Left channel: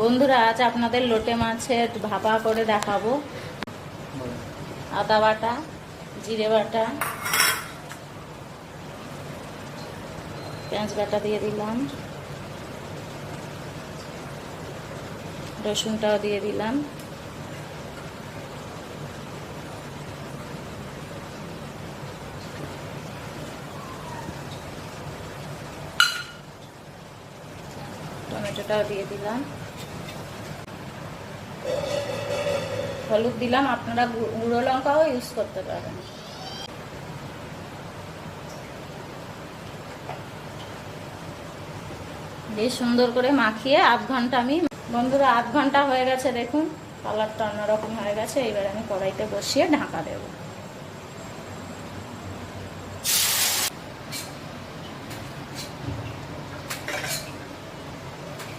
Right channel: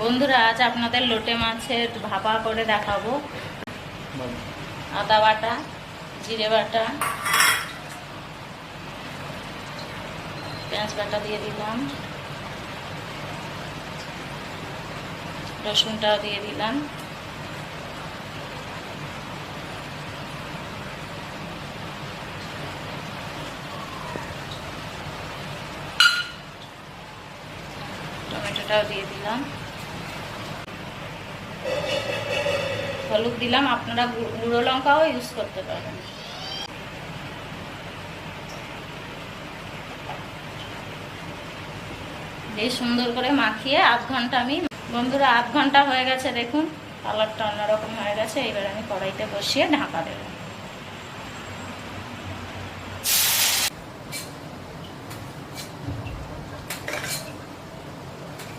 বন্ধুরা, আজ আপনাদের লোটে মাছের ভাপা করে দেখাবো। আদা বাটা, জিরে বাটা, পেঁয়াজ বাটা দিয়ে দিলাম, রসুনটাও দিয়ে দিলাম, টমেটোটাও দিয়ে দিলাম, হলুদ দিলাম। আপনারা গুঁড়ো লঙ্কাও ইউজ করতে পারেন। দিয়ে সুন্দর করে মাখিয়ে আধ ঘন্টা বন্ধুরা, আধ ঘন্টা হয়ে গেছে। দেখুন কালারটা অন্যরকম হয়ে গেছে। এবার আমি কড়াইতে বসিয়ে ঢাকা দেবো।